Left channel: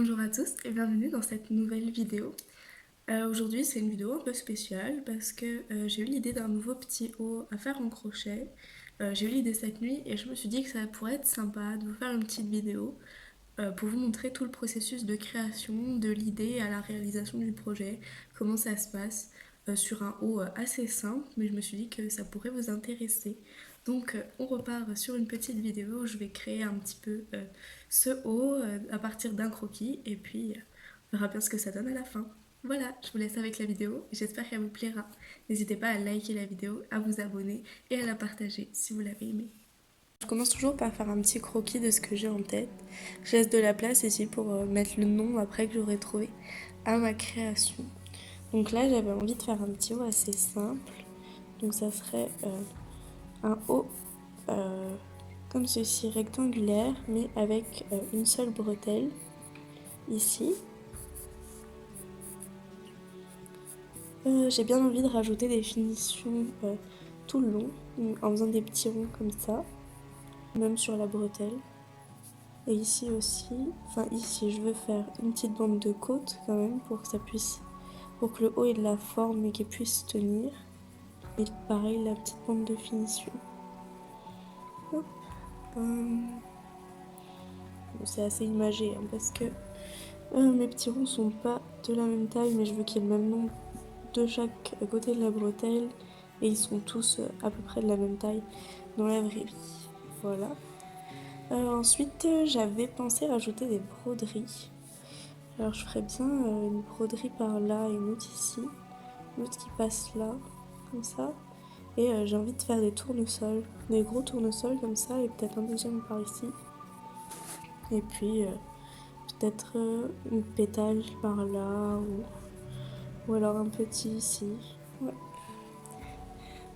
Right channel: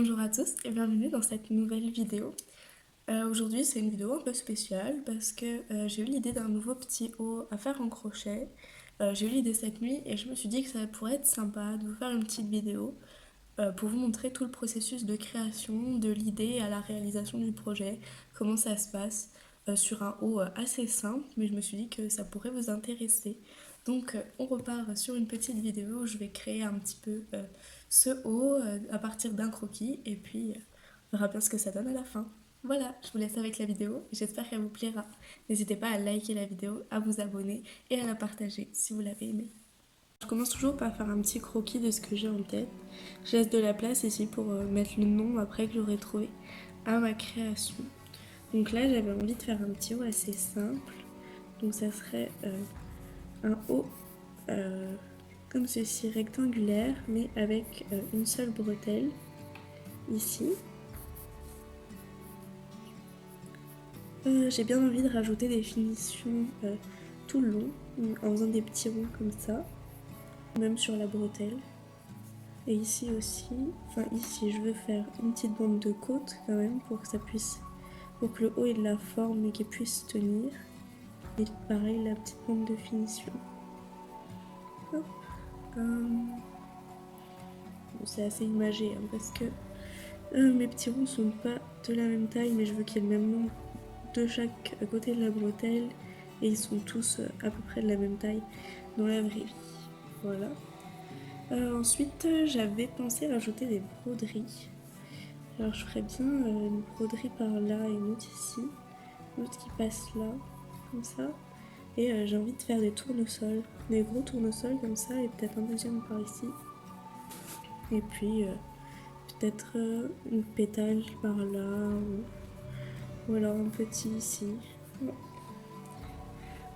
Bonjour à tous et bienvenue dans cette nouvelle vidéo. Aujourd'hui c'est une vidéo un peu spéciale parce que j'ai eu l'idée d'un nouveau petit haut à faire en crochet. J'ai eu l'idée cette nuit et je me suis dit que ça pourrait être sympa de vous faire une petite vidéo pour vous montrer tout le processus de création, de l'idée à la réalisation du projet, comment ça se passe sur un haut assez simple, mais je me suis dit que ça pourrait vous intéresser. Donc on repart sur une petite vidéo où je vais créer un petit peu ce haut à partir d'un croquis et puis on verra bien ce que ça donne à la fin. Voilà, je vous laisse avec la vidéo, j'espère qu'elle vous plaira. N'hésitez pas à liker la vidéo, à vous abonner et à la partager si vous l'avez aimée. Je commence toujours par faire un petit croquis de ce que j'ai en tête. Je laisse de la place ici pour mettre le nom après que j'aurai trouvé à ma création. Donc là j'avais envie de faire un petit haut assez simple. Donc ça serait un haut comme ceci, rectangulaire, mais avec une seule bretelle ici. J'ai bien envie de rajouter des finitions tout le long, en faisant des petits ronds comme ça, même sur la bretelle. Et ici aussi, enfin ici je veux faire une petite bande de côte quand même pour que ça puisse, pour que le haut ait de la forme et qu'il puisse tenir. Et pareil la petite bande de finition. C'est assez imagé hein, parce que mes petits ronds sont pas de la même taille, mais je veux qu'il y ait le même nombre de chaque côté de la bretelle et ils sont tous à peu près de la même taille dans la vraie vie. Voilà. Ensuite, j'avais pensé rajouter des broderies. Alors je ferais bien une broderie par là et une autre ici, une autre qui passe là, comme ça. Et j'ai envie de faire des tournesols, des gros tournesols comme ça et peut-être un deuxième par ici. Et puis peut-être une pétale par là ou alors un petit ici. Ouais.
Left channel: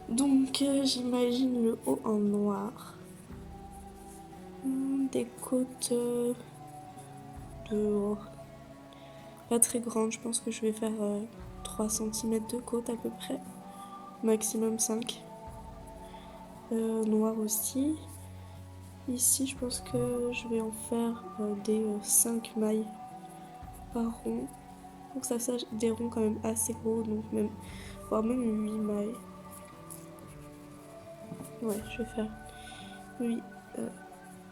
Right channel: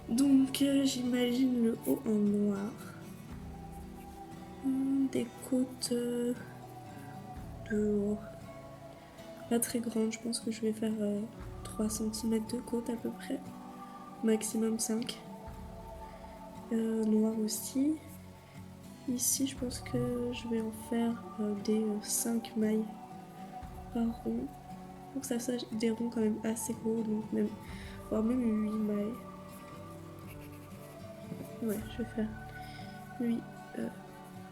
Donc j'imagine le haut en noir. Des côtes de pas très grandes, je pense que je vais faire 3 cm de côte à peu près, maximum 5. Noir aussi. Ici je pense que je vais en faire des 5 mailles par rond. Donc ça fasse des ronds quand même assez gros, donc même, voire même 8 mailles. Ouais, je vais faire 8.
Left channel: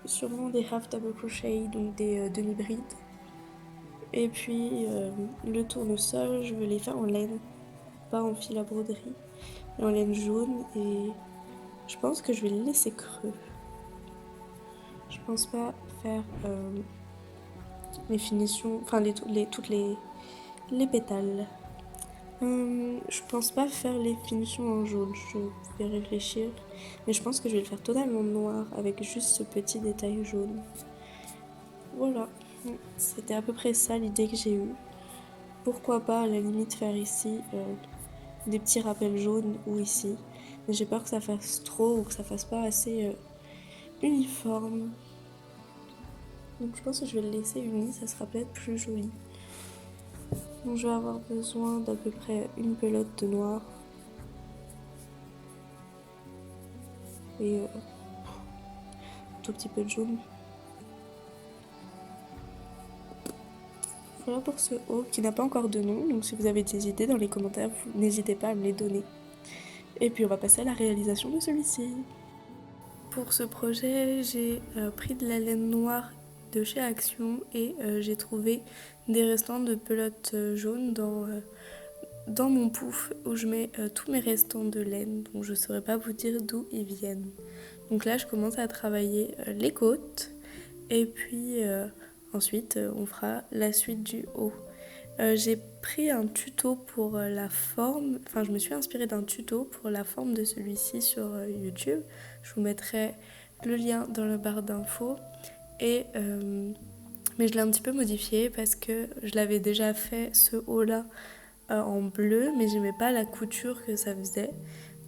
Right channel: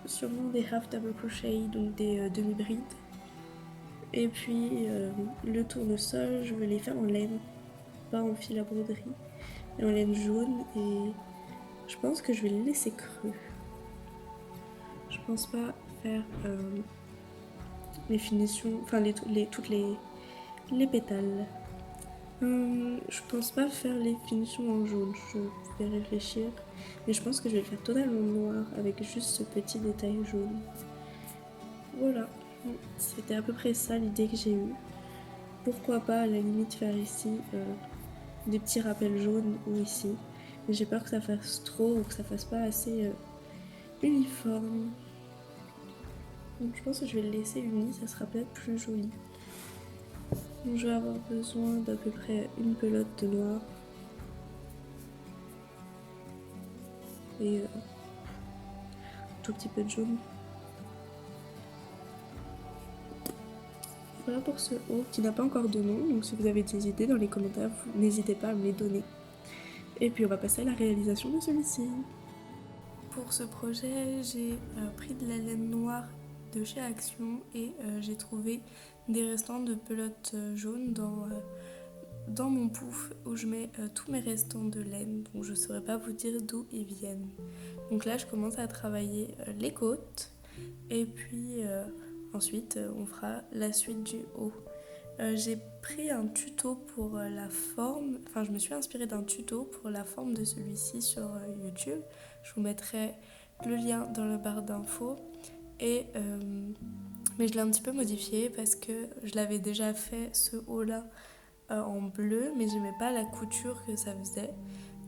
Sûrement des half double crochet, donc des demi-brides. Et puis le tournesol, je veux les faire en laine, pas en fil à broderie, mais en laine jaune. Et je pense que je vais les laisser creux. Je pense pas faire les finitions, enfin toutes les pétales. Je pense pas faire les finitions en jaune, je vais réfléchir. Mais je pense que je vais le faire totalement noir avec juste ce petit détail jaune. Voilà, c'était à peu près ça l'idée que j'ai eue. Pourquoi pas à la limite faire ici des petits rappels jaunes ou ici. Mais j'ai peur que ça fasse trop ou que ça fasse pas assez uniforme. Donc je pense que je vais le laisser uni, ça sera peut-être plus joli. Donc je vais avoir besoin d'à peu près une pelote de noir. Et un tout petit peu de jaune. Voilà pour ce haut qui n'a pas encore de nom. Donc si vous avez des idées dans les commentaires, n'hésitez pas à me les donner. Et puis on va passer à la réalisation de celui-ci. Pour ce projet, j'ai pris de la laine noire de chez Action et j'ai trouvé des restants de pelote jaune dans mon pouf où je mets tous mes restants de laine. Bon, je ne saurais pas vous dire d'où ils viennent. Donc là, je commence à travailler les côtes et puis ensuite, on fera la suite du haut. J'ai pris un tuto pour la forme, enfin je me suis inspirée d'un tuto pour la forme de celui-ci sur YouTube. Je vous mettrai le lien dans la barre d'infos. Mais je l'ai un petit peu modifié parce que je l'avais déjà fait ce haut-là en bleu, mais j'aimais pas la couture que ça faisait.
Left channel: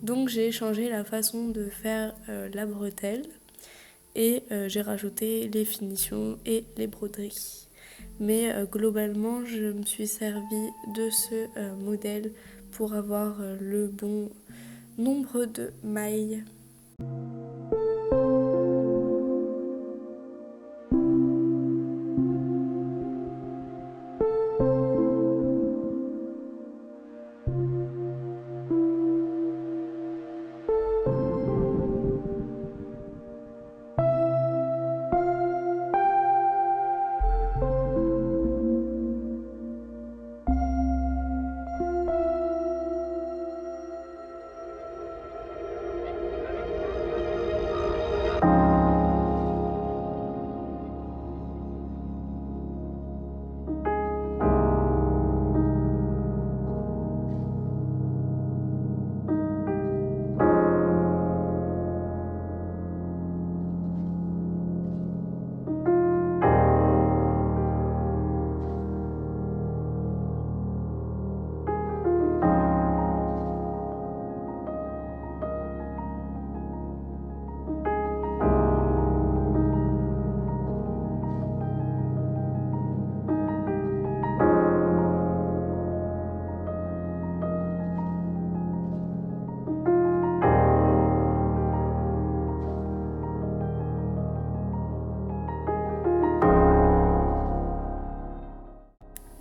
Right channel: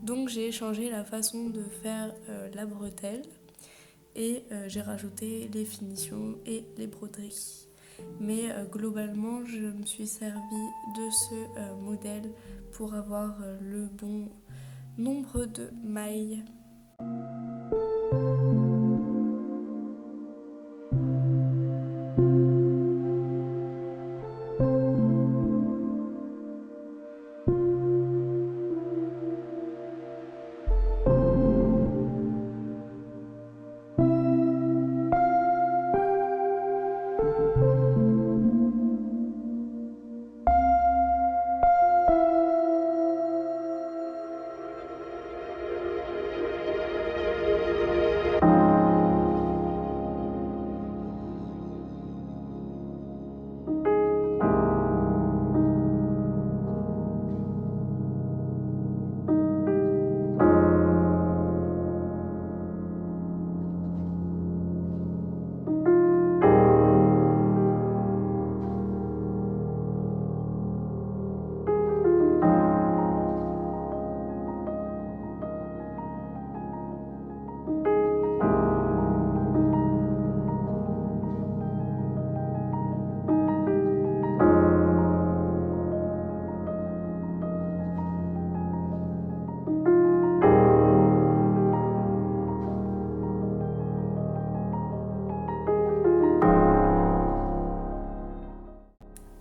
Donc j'ai changé la façon de faire la bretelle et j'ai rajouté les finitions et les broderies. Mais globalement, je me suis servi de ce modèle pour avoir le bon nombre de mailles.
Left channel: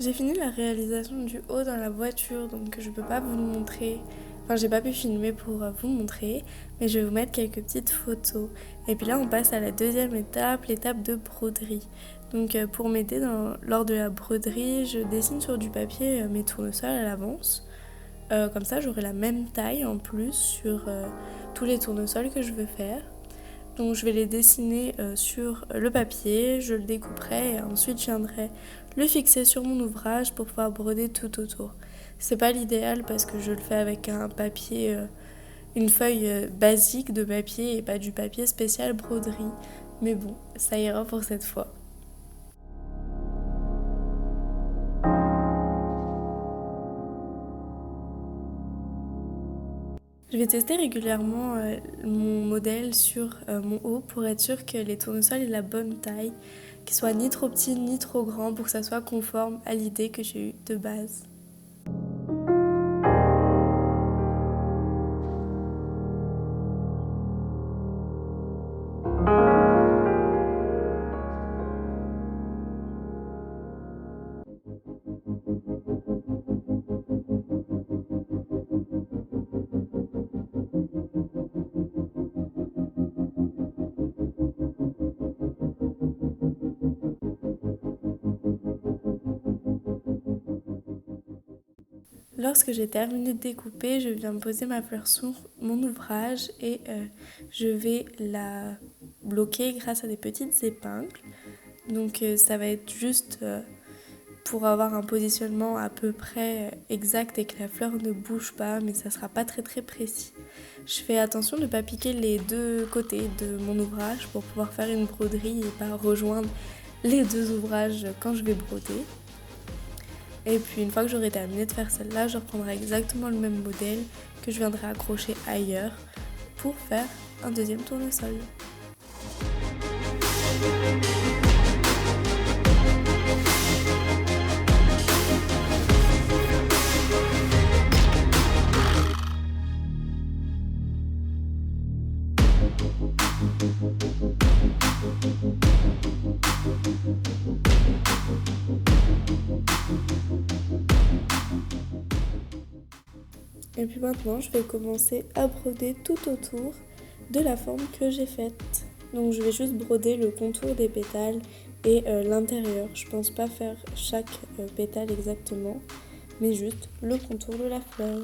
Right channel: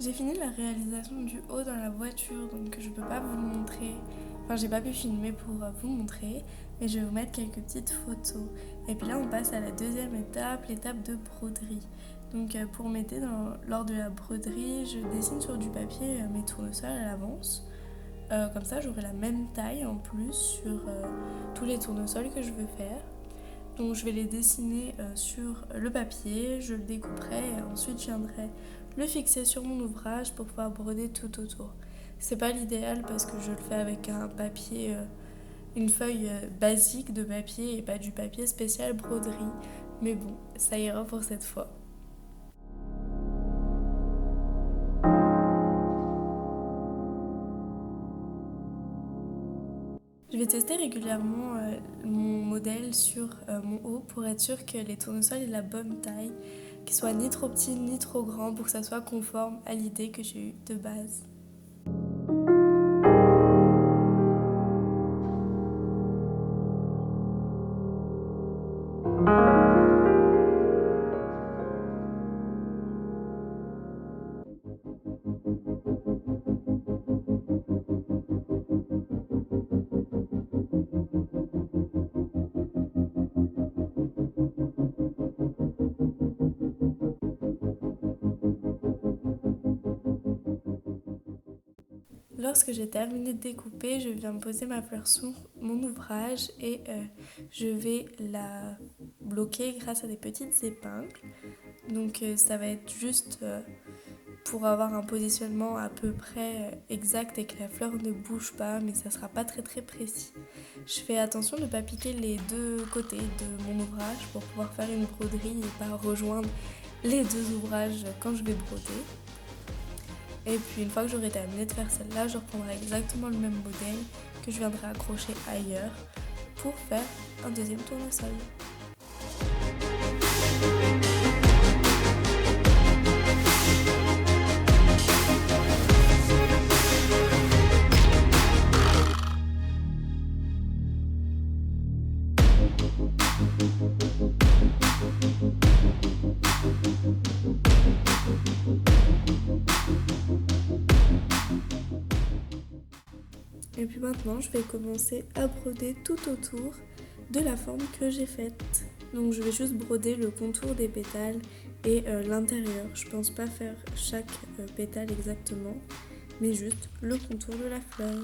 J'ai fini la réalisation du haut dans la voiture, donc je peux pas vous le montrer. Enfin, j'ai pas pu filmer pour vous montrer, mais je vais vous mettre quelques petites photos. Et puis là, on passe à la deuxième étape, l'étape de broderie. Donc pour m'aider lors de la broderie, je dessine sur du papier mes tournesols à l'avance. Comme ça, j'aurai la même taille en plus sur tous les tournesols que je veux faire. Donc je vais les dessiner sur le papier, je le découperai et ensuite je viendrai le fixer sur mon ouvrage pour pouvoir broder tout autour. C'est pas l'idéal parce que je le fais avec un papier, une feuille basique de papier et pas du papier spécial broderie. Mais bon, ça ira pour cette fois. Je vais tester régulièrement mon modèle sur mon haut pour être sûre que les tournesols aient la bonne taille, qu'ils soient ni trop petits ni trop grands pour que ça soit conforme à l'idée que j'ai eue de base. Lorsque j'ai terminé de découper, je viens poser ma fleur sur mon ouvrage et je vais la bloquer grâce à des petites épingles. Donc ça va être juste pour avoir un positionnement à peu près exact et que la fleur ne bouge pas, mais ça sera pas très très précis. Je fais attention de ne pas piquer les deux côtés de mon ouvrage pour pouvoir faire une broderie et pas rejoindre les deux ouvrages quand je vais broder. Et puis une fois que j'aurai terminé de faire celle-là, je reprendrai exactement le même modèle que je viendrai accrocher ailleurs pour faire un deuxième tournesol. Et puis maintenant, je vais commencer à broder tout autour de la forme que j'ai faite. Donc je vais juste broder le contour des pétales et l'intérieur. Je pense pas faire chaque pétale exactement, mais juste le contour de la fleur.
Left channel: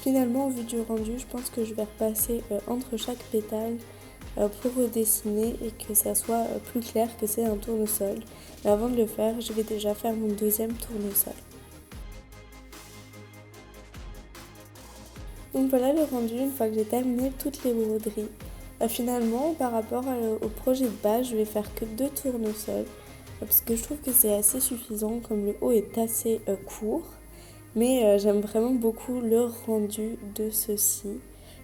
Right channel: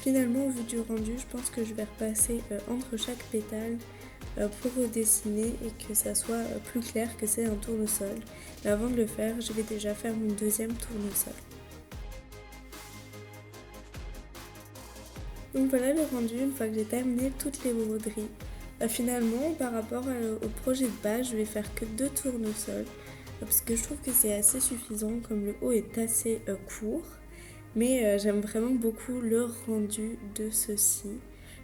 Finalement, au vu du rendu, je pense que je vais repasser entre chaque pétale pour redessiner et que ça soit plus clair que c'est un tournesol. Mais avant de le faire, je vais déjà faire mon deuxième tournesol. Donc voilà le rendu une fois que j'ai terminé toutes les broderies. Finalement, par rapport au projet de base, je vais faire que 2 tournesols parce que je trouve que c'est assez suffisant comme le haut est assez court. Mais j'aime vraiment beaucoup le rendu de ceci.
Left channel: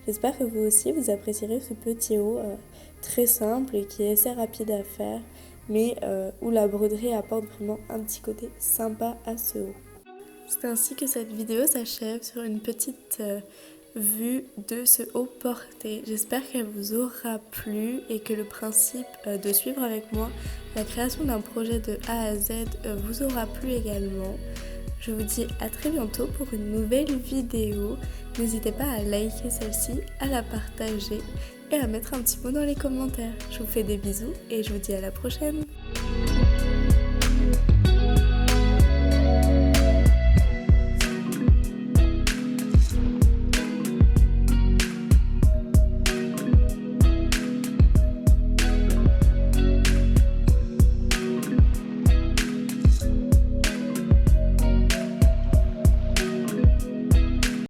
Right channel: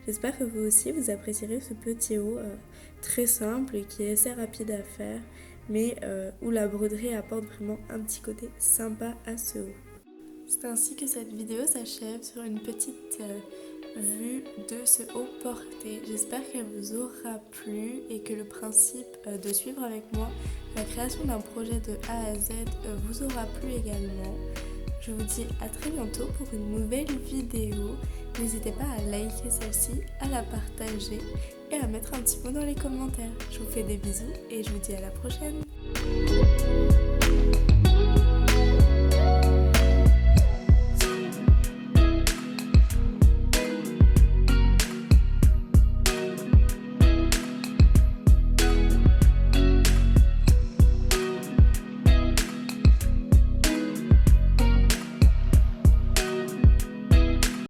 J'espère que vous aussi vous apprécierez ce petit haut très simple et qui est assez rapide à faire, mais où la broderie apporte vraiment un petit côté sympa à ce haut. C'est ainsi que cette vidéo s'achève sur une petite vue de ce haut porté. J'espère qu'elle vous aura plu et que le principe de suivre avec moi la création d'un projet de A à Z vous aura plu également. Je vous dis à très bientôt pour une nouvelle vidéo. N'hésitez pas à liker celle-ci, à la partager et à mettre un petit mot dans les commentaires. Je vous fais des bisous et je vous dis à la prochaine.